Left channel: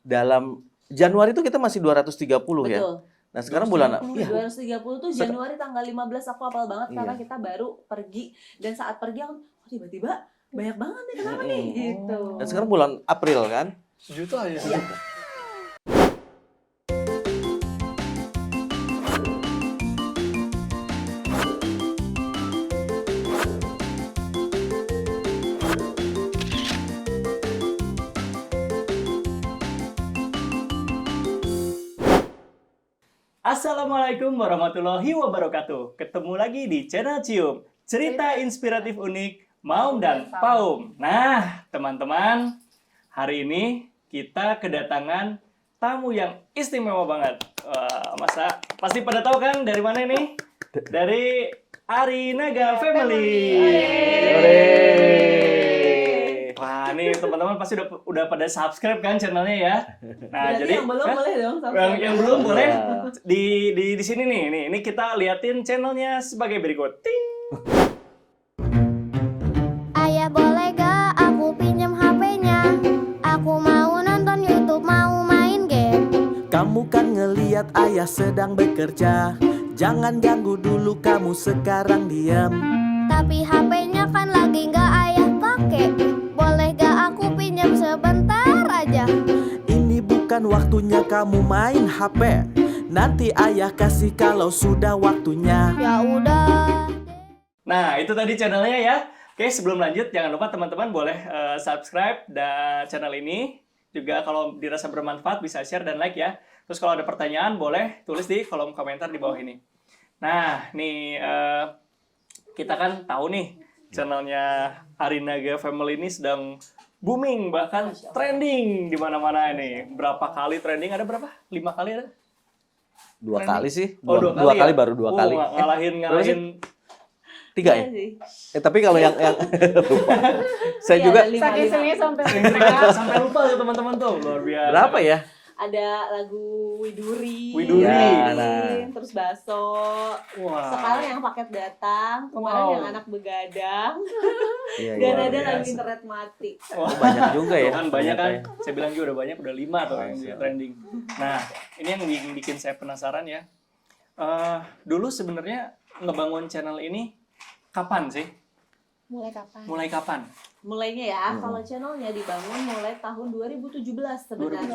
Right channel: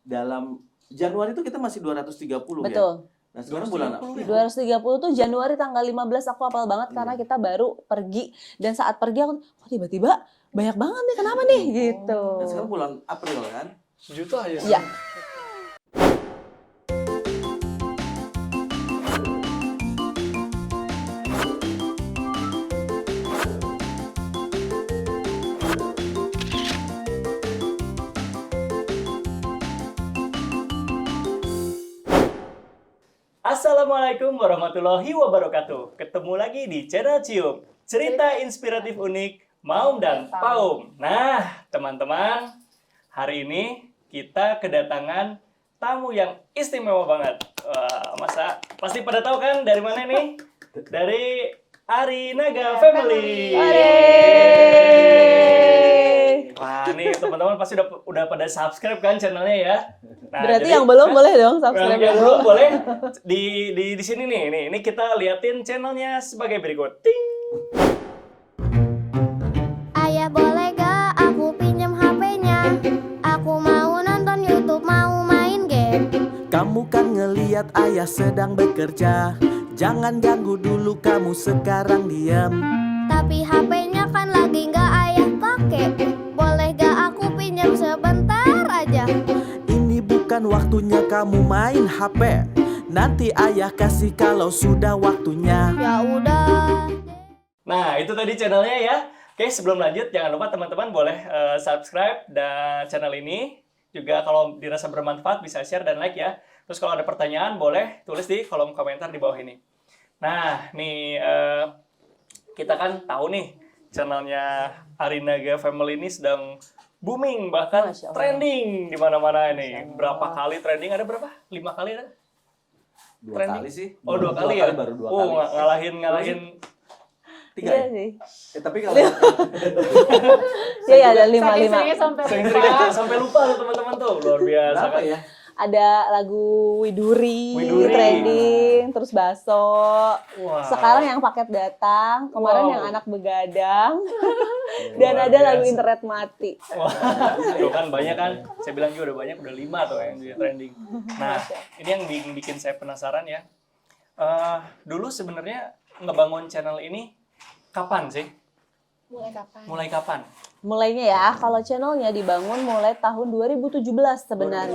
dalam Januari itu kita masih 230 ya. Betul. Nah, sekarang bulan apa? 230 tuh Januari tanggal 15 aku hafal banget karena kita baru pergi dan saat pergi aku tiba-tiba banyak banget nih kenapa nih gitu. Dan sekarang bulan April kan? Sejuta ya? Iya. Assalamualaikum warahmatullahi wabarakatuh. Ketemu lagi di channel Cium, cerita inspiratif unik Maum dan Paum. Nah, teman-teman, hari ini kita kedatangan tamu yang istimewa banget. Wah, masa pasti pada tahu kan dari mana ini? Dari Arinaga Family. Wah, nih teman-teman pasti udah pada subscribe kan channelnya ya. Nah, Berarti jadi, yang belum boleh dong subscribe. yang belum boleh di sini nih. Ini kita liatin channelnya sebagai berikut. Ting. Ayah boleh gak aku pinjam HP-nya? Aku mau nonton YouTube, mau main game. Kamu kan ngeliat ayah sedang bekerja. Jangan ganggu dulu, kamu sekarang diam. Tapi HP-nya kan lagi gak ayah pakai. Boleh gak aku pinjam sebentar aja? Ini bukan waktunya kamu main HP. Nanti ayah kasih kalau sudah waktunya. Ya udah. Nah, itu tadi channelnya ya. Oke, sebelum lanjut, jangan lupa teman-teman boleh subscribe dan channel ini. Juga kalau dirasa bermanfaat bisa share dan like ya. Terus kalau ada pertanyaan boleh tulis di kolom komentar di bawah ini. Nah, nih kita kan tahu nih channelnya Arinaga Family ini sedang booming, bahkan trending di mana-mana ini. Berapa kali trending? Ada berapa? 5 kali ada? Dua Trending. kali sih. Oh, dua kali ya? Baru 2 Oh, kali. ngalahin 3 ya? Tapi kalau yang Saya saya juga saking seringnya sampai sering sampai lupa tuh teman-teman tuh. Luar biasa. berapa kan? ya? ada lagu Widuri, Widuri. trending, terus Baso. Wah. Sekarang yang paket datang, kemarin Wow. yang anak begadang, Iya, dan luar ada biasa. lagu internet mati. Banyak juga Tuh ya. kan banyak kan, saya bilang juga udah banyak, udah 5 tuh yang trending. Nah, ini yang bikin saya penasaran ya. Dulu sebenarnya ngebangun channel ini kapan sih? Mulai kapan? Mulai kapan? Mulainya ya, kalau channelnya dibangun mulai tahun 2017 sebenarnya.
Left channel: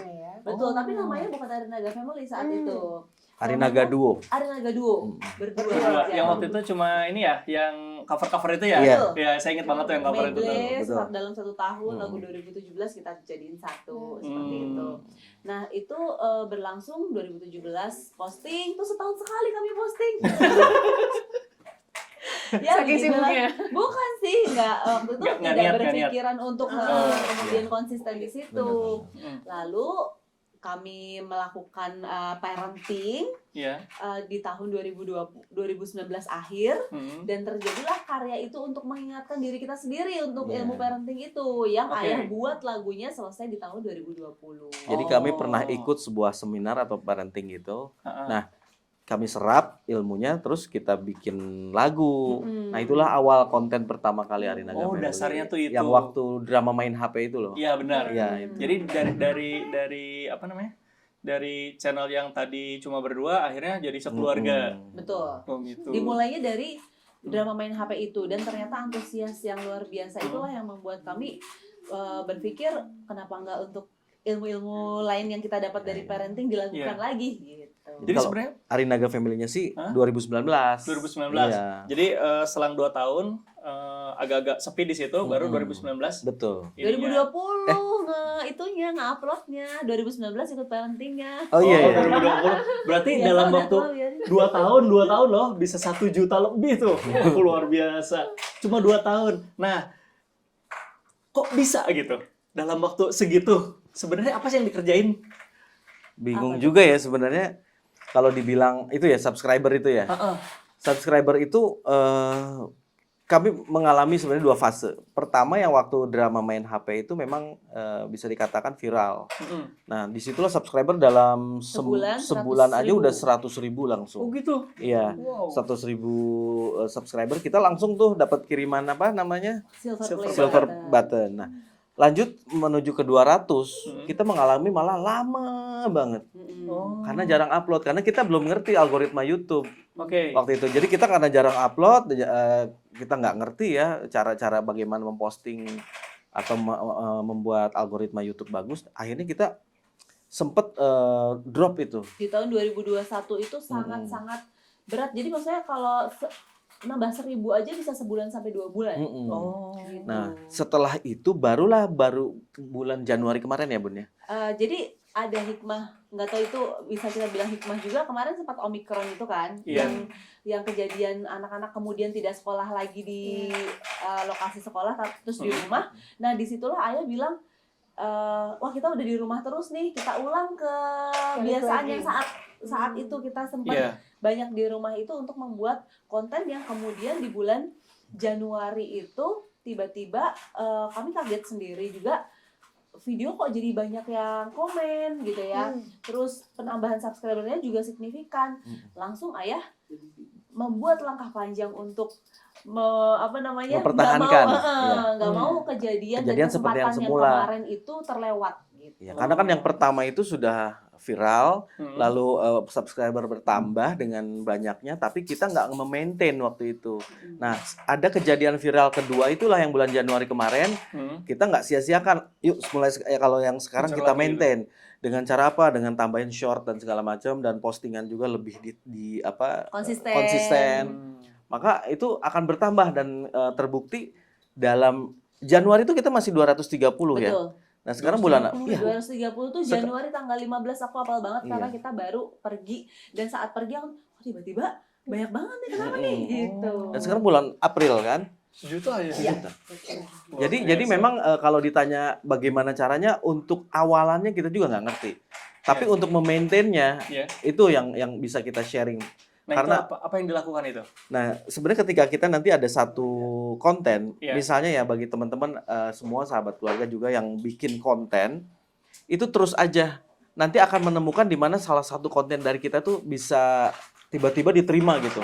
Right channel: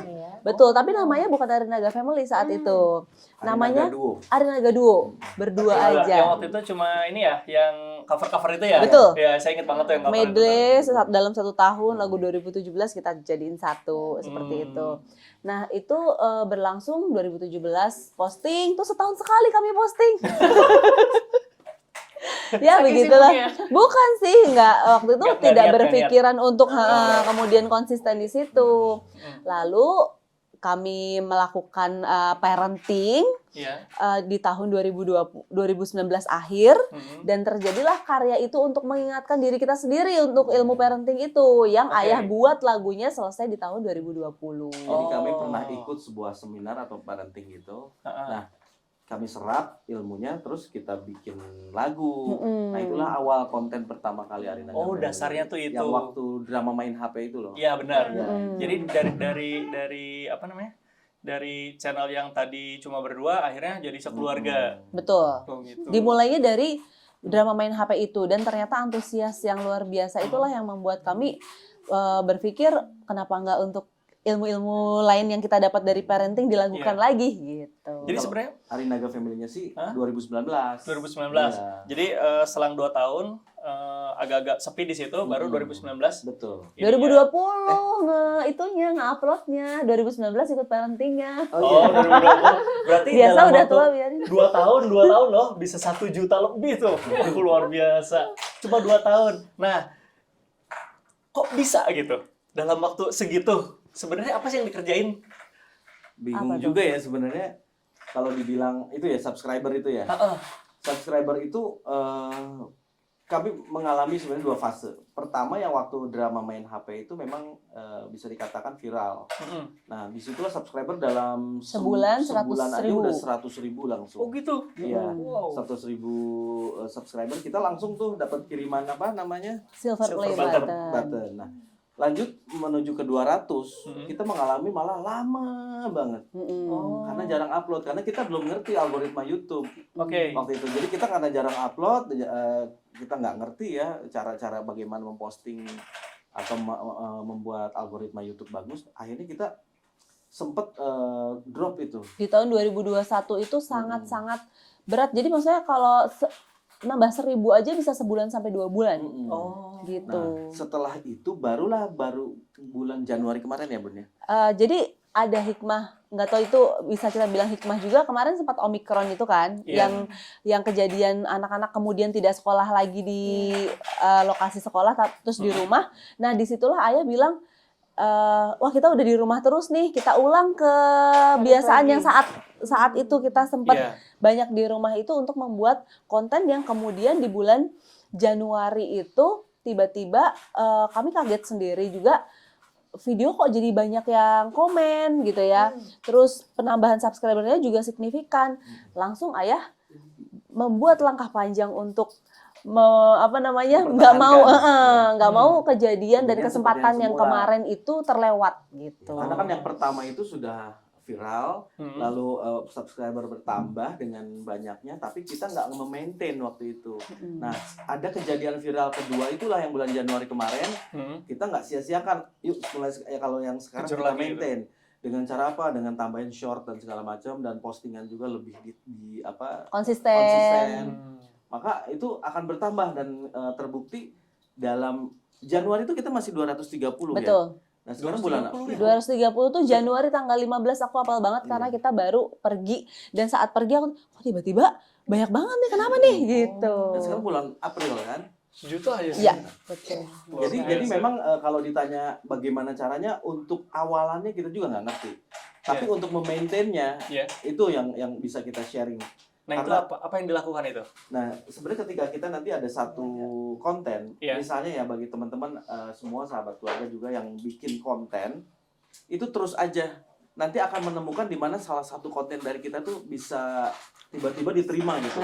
2017. Betul, tapi namanya bukan Arinaga Family saat itu. Arinaga Duo. Arinaga Duo, berdua Berdua. aja. Yang waktu itu cuma ini ya, yang cover-cover itu ya? Betul. Ya, saya ingat banget tuh yang cover itu. Medley dalam 1 tahun lagu 2017 kita jadiin satu seperti itu. Nah itu berlangsung 2017 posting tuh setahun sekali kami posting. Ya Saking begitulah. sibuknya. Bukan sih, waktu itu Nggak tidak niat, berpikiran untuk kemudian konsisten di situ. Lalu kami melakukan parenting Iya. di tahun 2019 akhir. Hmm. Dan terjadilah karya itu untuk mengingatkan diri kita sendiri untuk ilmu parenting itu yang Oke. ayah buat lagunya selesai di tahun 2020. Jadi kami Oh. pernah ikut sebuah seminar atau parenting gitu. Ha-ha. Nah, kami serap ilmunya terus kita bikin lagu. Mm-mm. Nah, itulah awal konten pertama kali Arinaga Oh, Family. dasarnya tuh itu. Yang waktu drama main HP itu loh. Iya benar. Iya, itu. Jadi dari apa namanya? Dari channel yang tadi cuma berdua akhirnya jadi sekeluarga. Betul. Oh, gitu. Dimulainya dari drama main HP itu dan ternyata antusias yang luar biasa itulah yang membuat kami berpikir kenapa nggak untuk ilmu-ilmu lain yang kita dapat dari parenting dilakukan Iya. lagi gitu. Jadi Kalau sebenarnya Arinaga Family-nya sih Hah? 2019. 2019. Iya. Jadi selang 2 tahun agak-agak sepi di situ baru 2019. Betul. ininya. 2020 itunya nge-uploadnya, 2019 ikut parentingnya. Oh Oh, iya. 2020. Berarti Biasa dalam udah waktu tua ya. 2 tahun loh bisa 1 juta lebih tuh. Luar biasa. Cuma 2 tahun. Nah, kok bisa gitu? Dalam waktu segitu. Sebenarnya apa sih yang dikerjain? Bingung juga ya sebenarnya kalau dibilang itu ya subscriber itu ya. Subscriber itu kami mengalami sebenarnya 2 fase. Pertama yang waktu drama main HP itu memang bisa dikatakan viral. Nah, disitulah subscriber dalam Sebulan, sebulan 100.000. aja udah 100.000 langsung. Oh gitu. Iya, Wow. 100.000 subscriber kita langsung tuh dapat kiriman apa namanya? Silver Silver play Silver button. button. Nah, Lanjut menuju ke 200, kita mengalami malah lama banget. Oh. Karena jarang upload, karena kita belum ngerti algoritma YouTube Oke. waktu itu. Jadi kita karena jarang upload, kita nggak ngerti ya cara-cara bagaimana memposting atau membuat algoritma YouTube bagus. Akhirnya kita sempet drop itu. Di tahun 2021 itu sangat-sangat berat. Jadi maksudnya kalau nambah 1.000 aja bisa sebulan sampai 2 bulan. Oh. Gitu. Nah, setelah itu baru bulan Januari kemarin ya Bun ya? Jadi ada hikmah, nggak tahu itu bisa kita bilang hikmah juga. Kemarin sempat Omikron itu kan, Iya. yang kejadian anak-anak kemudian tidak sekolah lagi di lokasi sekolah, terus di rumah. Nah disitulah ayah bilang, wah kita udah di rumah terus nih, kita ulang kebiasaan yang saat itu kita sempat Iya. banyak di rumah itu untuk membuat konten yang kemudian di bulan Januari itu tiba-tiba kami kaget sendiri juga, video kok jadi banyak yang komen gitu ya. Terus penambahan subscribernya juga signifikan. Langsung ayah membuat langkah panjang untuk nggak mau kejadian dan kesempatan yang kemarin itu terlewat gitu. Ya, karena kan yang pertama itu sudah viral, lalu subscriber bertambah dengan banyaknya, tapi kita nggak memaintain waktu itu. Nah, ada kejadian viral kedua itulah yang bulan Januari kemarin, kita nggak sia-siakan. Yuk, mulai kalau yang sekarang Kejar kita lagi maintain. Dengan cara apa? Dengan tambahin short dan segala macam, dan postingan juga lebih konsisten. Maka itu akan bertambah dan terbukti dalam Januari itu kita masih 230 ya. Betul. Nah, sekarang bulan 230 tuh Januari tanggal 15 aku hafal banget karena kita baru pergi, dan saat pergi aku tiba-tiba banyak banget nih, kenapa nih gitu. Dan sekarang bulan April kan. 1 juta aja. Iya. Jadi memang kalau ditanya bagaimana caranya, untuk awalannya kita juga nggak ngerti. Tapi untuk memaintainnya itu yang bisa kita sharing. Nah, Karena, itu apa yang dilakukan itu? Nah, sebenarnya ketika kita nanti ada satu konten, Iya. misalnya ya bagi teman-teman semua sahabat keluarga juga yang bikin konten, itu terus aja nanti akan menemukan di mana salah satu konten dari kita tuh bisa tiba-tiba diterima gitu.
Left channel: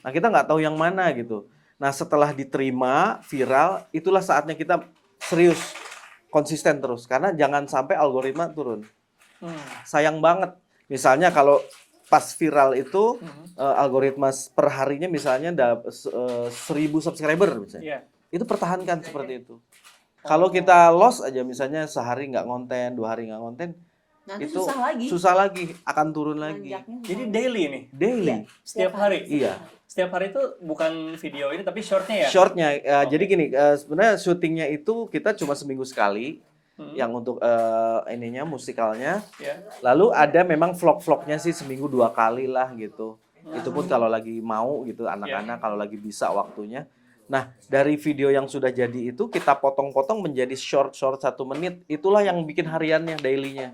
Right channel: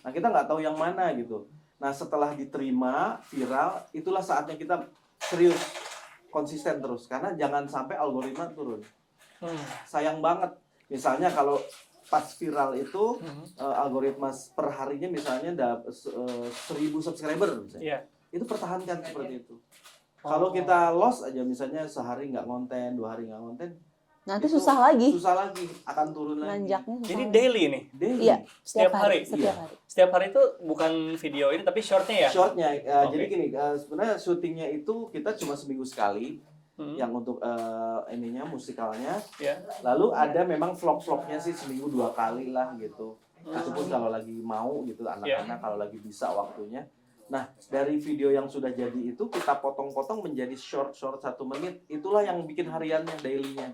Nah, kita nggak tahu yang mana gitu. Nah, setelah diterima viral, itulah saatnya kita serius, konsisten terus, karena jangan sampai algoritma turun. Sayang banget. Misalnya kalau pas viral itu algoritma per harinya misalnya 1.000 subscriber misalnya. Itu pertahankan seperti itu. Kalau kita lost aja misalnya sehari nggak konten, 2 hari nggak konten, nanti itu susah lagi akan turun lagi. Jadi daily nih? Daily. Iya, Setiap hari? Iya. Setiap hari itu bukan video ini tapi shortnya ya? Shortnya, jadi gini, sebenarnya syutingnya itu kita cuma seminggu sekali, yang untuk ininya musikalnya. Lalu ada memang vlog-vlognya sih seminggu 2 kali lah gitu. Itu pun kalau lagi mau gitu anak-anak, kalau lagi bisa waktunya. Nah, dari video yang sudah jadi itu kita potong-potong menjadi short-short 1 menit. Itulah yang bikin hariannya, daily-nya.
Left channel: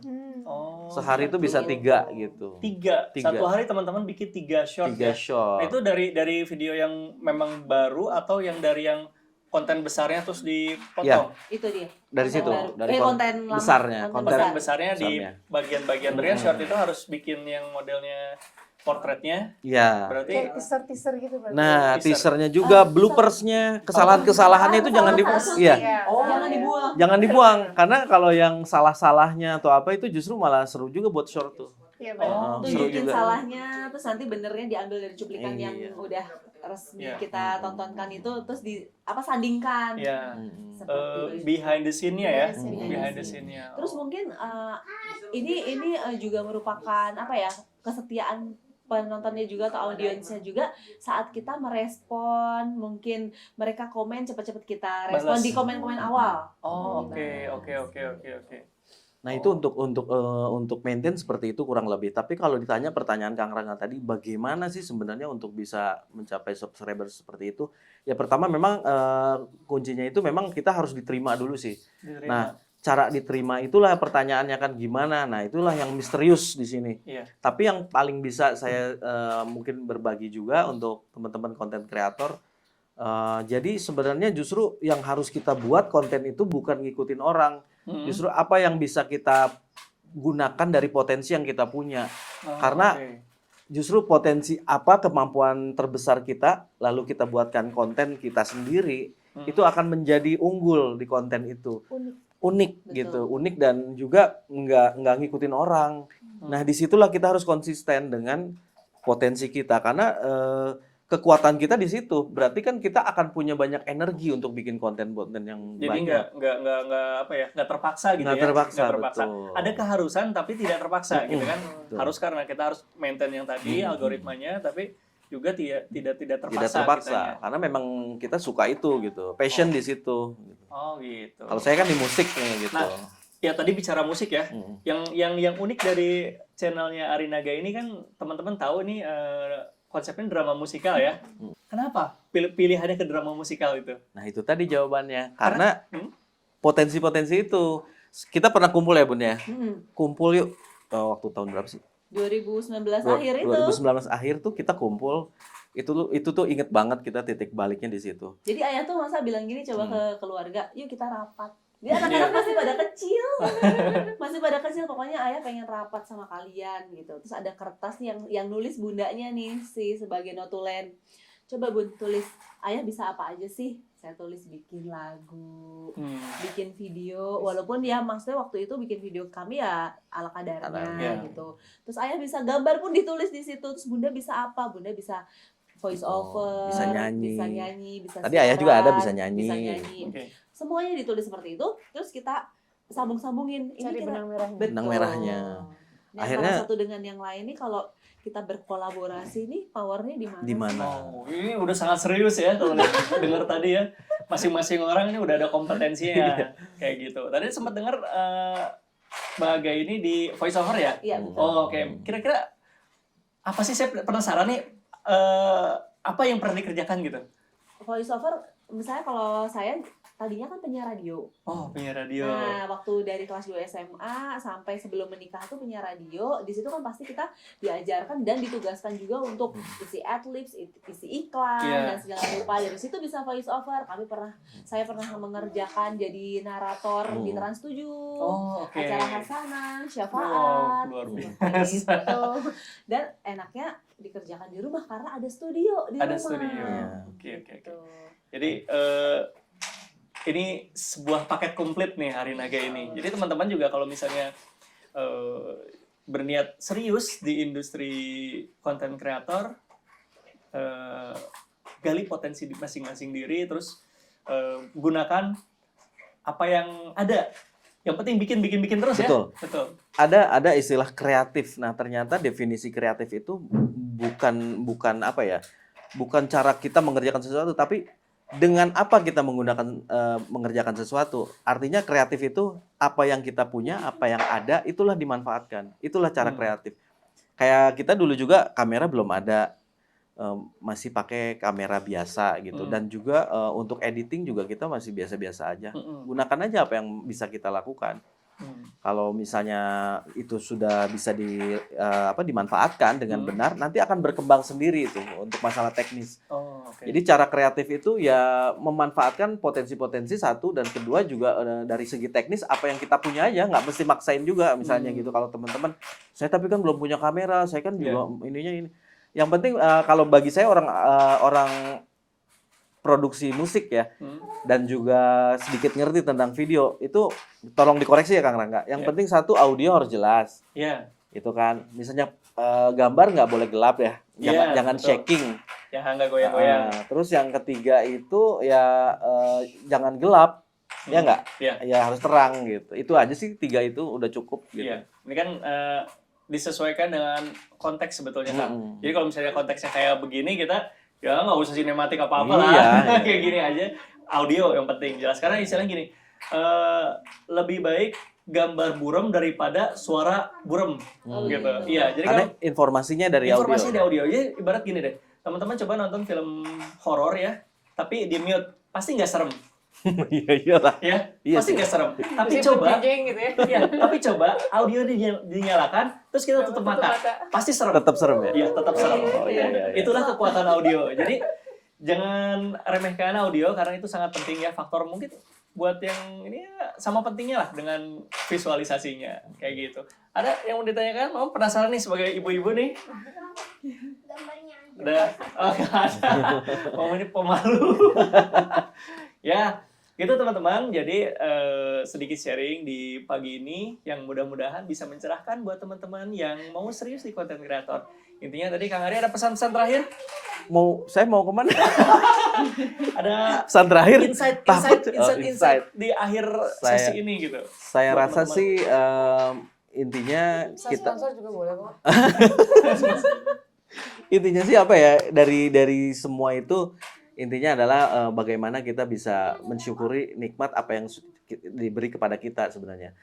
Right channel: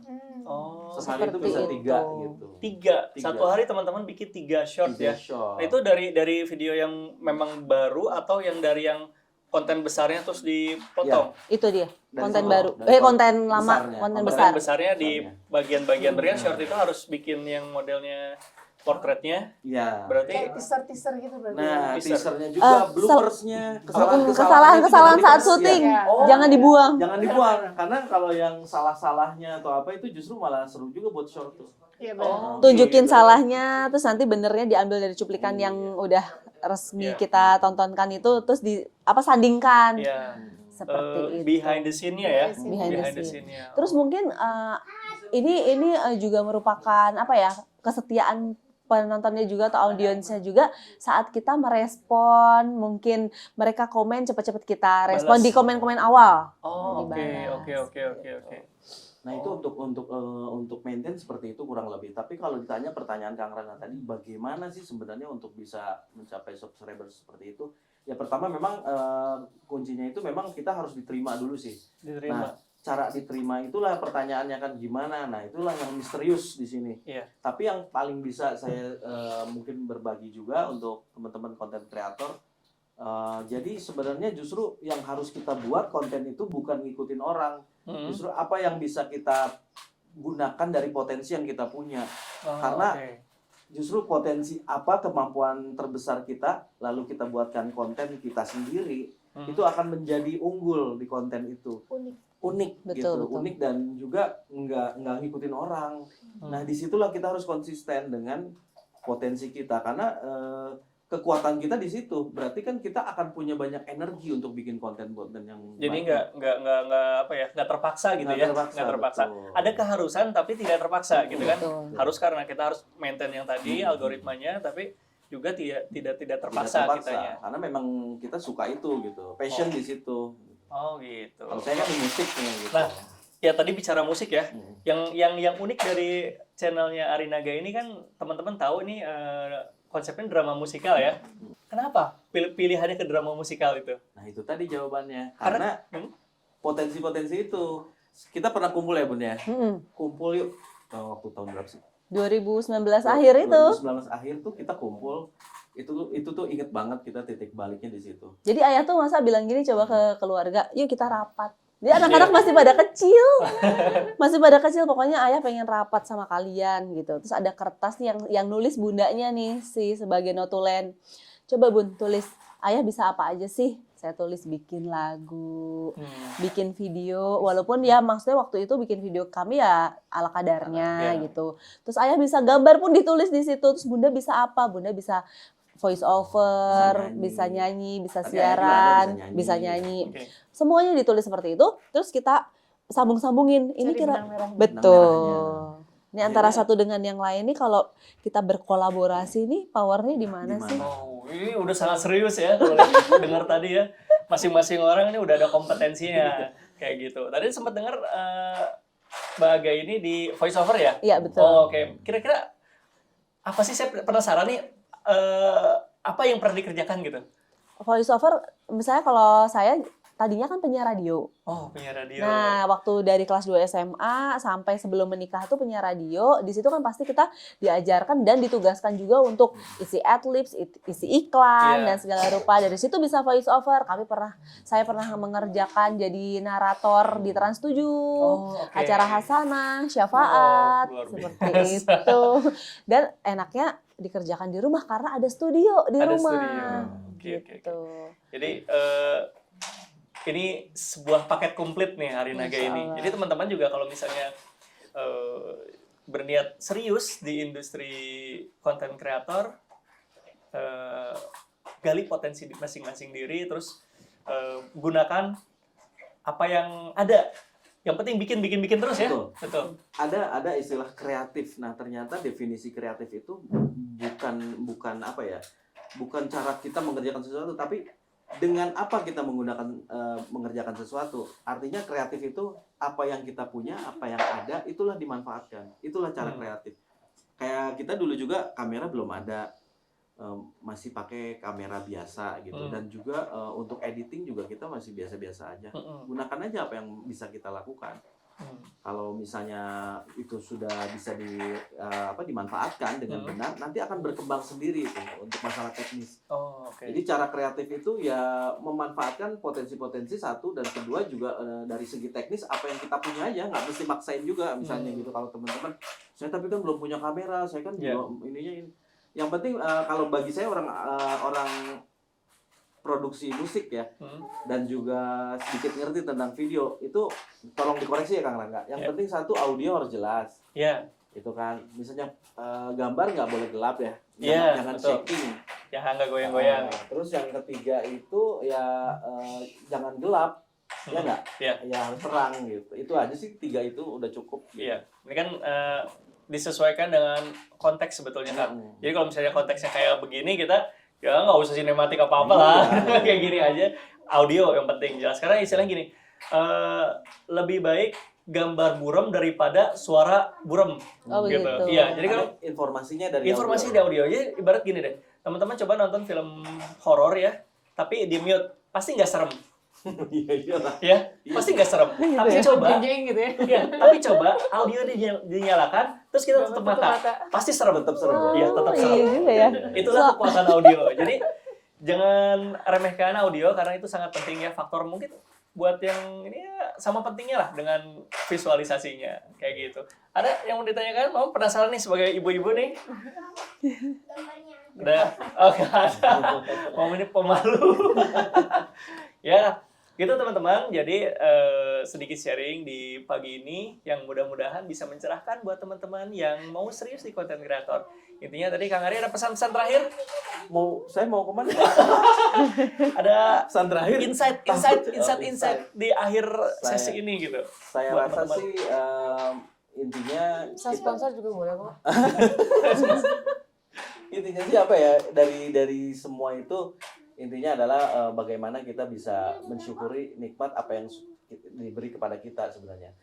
Sehari itu bisa 3 gitu. 3. Satu hari teman-teman bikin 3 short 3 ya? short. Nah, itu dari video yang memang baru atau yang dari yang konten besarnya terus dipotong? Itu dia. Dari Konten situ, baru. dari konten lama. besarnya. Konten besarnya di bagian-bagian berikutnya short itu harus bikin yang modelnya portretnya. Iya. Berarti kayak teaser gitu berarti. Nah, teaser. teasernya juga, bloopersnya, kesalahan-kesalahannya itu kesalahan jangan saat dibuang. syuting. Iya. Jangan dibuang. Jangan dibuang, karena kalau yang salah-salahnya atau apa itu justru malah seru juga buat short tuh. Iya benar. Tunjukin gitu. salahnya, terus nanti benernya diambil dari cuplikan Iya. yang udah resmi kita tontonkan itu, terus sandingkan. ya Seperti itu. behind the scene-nya ya. Behind the scene-nya. Terus mungkin ini juga merupakan kesetiaan penontonnya juga atau audiensnya juga, saat kita merespon, mungkin mereka komen cepet-cepet kita respon Balas. di komen-komen awal. Oke. Nah, itu untuk maintain seperti itu kurang lebih. Tapi kalau ditanya pertanyaan Kang Rangga tadi, bagaimana sih sebenarnya untuk bisa mencapai subscriber seperti itu? Ya pertama memang kuncinya itu memang kita harus diterima dulu sih. Nah, cara diterima itulah pertanyaannya kan gimana. Nah, itulah yang misterius di sini. Iya. Tapi yang paling bisa saya mungkin berbagi juga untuk teman-teman konten kreator. Jadi sebenarnya justru yang harus kita buat konten itu bukan ngikutin orang. Justru apa yang bisa kita gunakan dari potensi yang kita punya. Karena justru potensi apa kemampuan terbesar kita, lalu kita buatkan konten kita sendiri, itu akan menjadi unggul di konten itu. Unik. unik Betul, gitu, betul. unik dan juga nggak ngikutin orang. Nah, disitulah kita harus konsisten dengan potensi kita karena kekuatan kita di situ. Berarti kan kita akan punya banyak energi untuk bikin konten-konten yang Jadi banyak. nggak terpaksa gitu Nggak ya. terpaksa, Nggak terpaksa. betul. Ada keharusan tapi tidak terpaksa gitu kan. Betul. Harus karena kita harus maintain yang tadi algoritmanya tapi juga tidak Tidak terpaksa terpaksa kitanya. karena memang kita suka itu gitu, passion di situ. Oh gitu. Kalau saya kan di musik gitu. Nah, ya tadi bicara musik ya. Hmm. Yang unik dari channelnya Arinaga ini kan teman-teman tahu nih konsepnya drama musikal ya. Kenapa pilihannya ke drama musikal itu? Nah, itu tadi jawabannya. Karena Hmm? potensi-potensi itu kita pernah kumpul ya, Bun ya. Kumpul yuk. Waktu tahun berapa sih? 2019 akhir itu. 2019 akhir tuh kita kumpul. Itu tuh inget banget kita titik baliknya di situ. Jadi ayah tuh masa bilang gini coba ke keluarga, yuk kita rapat. Dia anak-anak masih pada kecil. Masih pada kecil, pokoknya ayah pengen rapat sama kalian gitu. Terus ada kertas nih yang nulis bundanya nih sebagai notulen. Coba Bun tulis, ayah bisa apa aja sih? Saya tulis bikin lagu, bikin video. Walaupun ya maksudnya waktu itu bikin video kami ya ala kadarnya Iya. gitu. Terus ayah bisa gambar pun ditulis di situ. Terus Bunda bisa apa? Bunda bisa voice over, bisa nyanyi, bisa Tadi siaran, ayah juga ada bisa nyanyi. Oke. Semuanya ditulis seperti itu, terus kita sambung-sambungin. Ini Cari kira benang merahnya. betul. merahnya. Ini antara Akhirnya- satu dengan yang lain nih kalau kita berkolaborasi nih powernya di mana Di mana? sih? Oh, ini udah sangat serius ya kalau dengar tadi ya. Masing-masing orang ini udah ada kompetensinya kayak gitu. Tadi sempat dengar Baga ini di voice over ya? Iya betul. Oh, oke. Kira-kira apa sih, saya penasaran nih apa yang pernah dikerjakan gitu? Voice over, misalnya kalau saya tadinya kan penyiar radio. Oh, punya radio. Nah, waktu dari kelas 2 SMA sampai sebelum menikah tuh penyiar radio, di situ kan pasti kita diajarkan dan ditugaskan juga untuk isi adlibs, isi iklan Iya. dan segala rupa. Dari situ bisa voice over. Saya pernah mengerjakan jadi narator di Trans 7. Oh, oke. Acara Hasanah, Syafaat, Oh, luar seperti biasa. itu. Dan enaknya dikerjakan di rumah karena ada studio di Ada rumah. studio. Oke. Gitu. Jadi ini sebuah paket komplit nih Arinaga ini. Jadi teman-teman juga kalau misalnya berniat serius di industri konten kreator, gali potensi di masing-masing diri, terus gunakan apa yang ada. Yang penting bikin terus ya. Betul. Ada istilah kreatif. Nah, ternyata definisi kreatif itu bukan apa ya? Bukan cara kita mengerjakan sesuatu, tapi dengan apa kita mengerjakan sesuatu. Artinya kreatif itu apa yang kita punya, apa yang ada, itulah dimanfaatkan. Itulah cara kreatif. Kayak kita dulu juga kamera belum ada, masih pakai kamera biasa gitu. Dan juga untuk editing juga kita masih biasa-biasa aja. Gunakan aja apa yang bisa kita lakukan. Kalau misalnya itu sudah bisa dimanfaatkan dengan benar, nanti akan berkembang sendiri itu untuk masalah teknis. Oh, oke. Jadi cara kreatif itu ya memanfaatkan potensi-potensi satu, dan kedua juga dari segi teknis apa yang kita punya aja, nggak mesti maksain juga misalnya gitu. Kalau teman-teman, saya tapi kan belum punya kamera, saya kan juga ininya ini. Yang penting kalau bagi saya orang produksi musik ya, dan juga sedikit ngerti tentang video, itu tolong dikoreksi ya Kang Rangga. Yang penting satu, audio harus jelas. Iya. Itu kan. Misalnya gambar nggak boleh gelap ya. Jangan betul. shaking. Ya nggak goyang-goyang. Terus yang ketiga itu ya jangan gelap. Ya nggak? Iya. Ya harus terang gitu. Itu aja sih, 3 itu udah cukup gitu. Iya. Ini kan disesuaikan dengan konteks sebetulnya kan. Jadi kalau misalnya konteksnya kayak begini, kita ya nggak usah sinematik apa-apa lah. Kayak gini aja. Audio yang penting jelas. Karena istilahnya gini, lebih baik gambar buram daripada suara buram. Oh, gitu. begitu. Iya, jadi Karena kalau informasinya dari informasi di audio aja, ibarat gini deh. Teman-teman coba nonton film horor ya, tapi di mute, pasti nggak serem. Iya lah. Ya, Iya pasti sih. nggak serem. Tapi Jadi coba, jeng gitu ya. ya, tapi coba audio dinyalakan, terus kita tutup mata, pasti serem. Tetap serem ya. Iya, tetap serem. Iya. Itulah kekuatan audio. Jadi jangan remehkan audio karena itu sangat penting ya, faktor mungkin buat yang ini ya sama pentingnya lah dengan visualisasinya kayak gitu. Ada yang mau ditanyakan? Mau penasaran nih sebagai ibu-ibu nih? Udah, oh nggak ada. Mau ini pemalu. Ya, Gitu teman-teman, jadi sedikit sharing di pagi ini yang mudah-mudahan bisa mencerahkan buat teman-teman yang mau serius di konten kreator. Intinya tadi Kang Ari ada pesan-pesan terakhir? Saya mau kemana? Ada Pesan terakhir? insight di akhir sesi ini gitu. Saya Buat rasa teman-teman. sih intinya Bisa kita sponsor juga boleh kok. intinya sih apa ya, dari semua itu intinya adalah bagaimana kita bisa mensyukuri nikmat apa yang diberi kepada kita sebenarnya.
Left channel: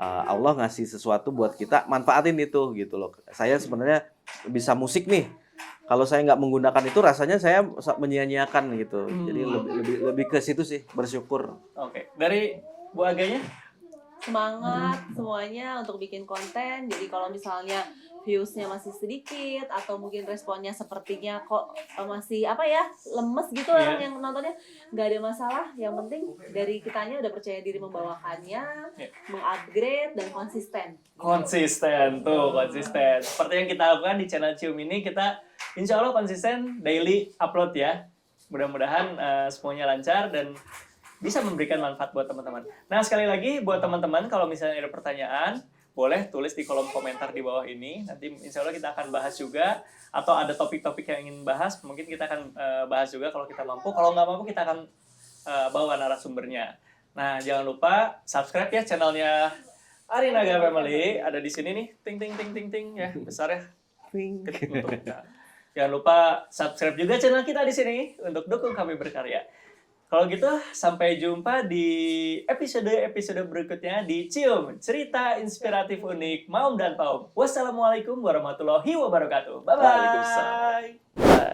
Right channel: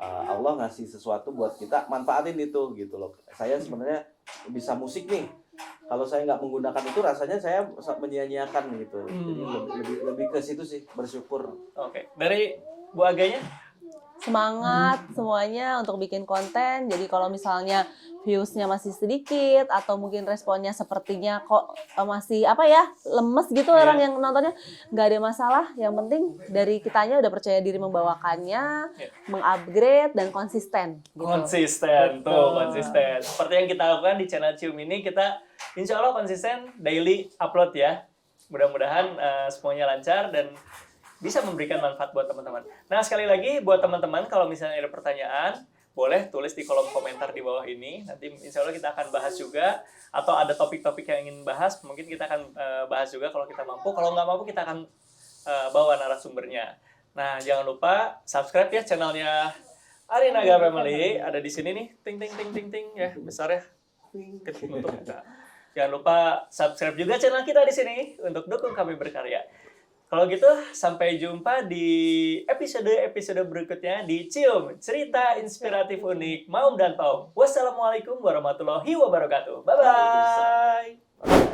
Allah ngasih sesuatu buat kita, manfaatin itu gitu loh. Saya sebenarnya bisa musik nih. Kalau saya nggak menggunakan itu, rasanya saya menyia-nyiakan gitu. Jadi lebih ke situ sih, bersyukur. Oke, dari Bu Aganya? Semangat semuanya untuk bikin konten. Jadi kalau misalnya views-nya masih sedikit atau mungkin responnya sepertinya kok masih lemes gitu orang yang nontonnya, nggak ada masalah. Yang penting dari kitanya udah percaya diri membawakannya, mengupgrade dan konsisten. Konsisten. Seperti yang kita lakukan di channel Cium ini, kita insya Allah konsisten daily upload ya. Mudah-mudahan semuanya lancar dan bisa memberikan manfaat buat teman-teman. Nah, sekali lagi buat teman-teman kalau misalnya ada pertanyaan, boleh tulis di kolom komentar di bawah ini. Nanti insya Allah kita akan bahas juga. Atau ada topik-topik yang ingin bahas, mungkin kita akan bahas juga kalau kita mampu. Kalau nggak mampu, kita akan bawa narasumbernya. Nah, jangan lupa subscribe ya channelnya Arinaga Family. Ada di sini nih, ting ya, besar ya. Jangan lupa subscribe juga channel kita di sini untuk dukung kami berkarya. Kalau gitu, sampai jumpa di episode berikutnya di Cium, cerita inspiratif unik Maum dan Paum. Wassalamualaikum warahmatullahi wabarakatuh. Bye-bye.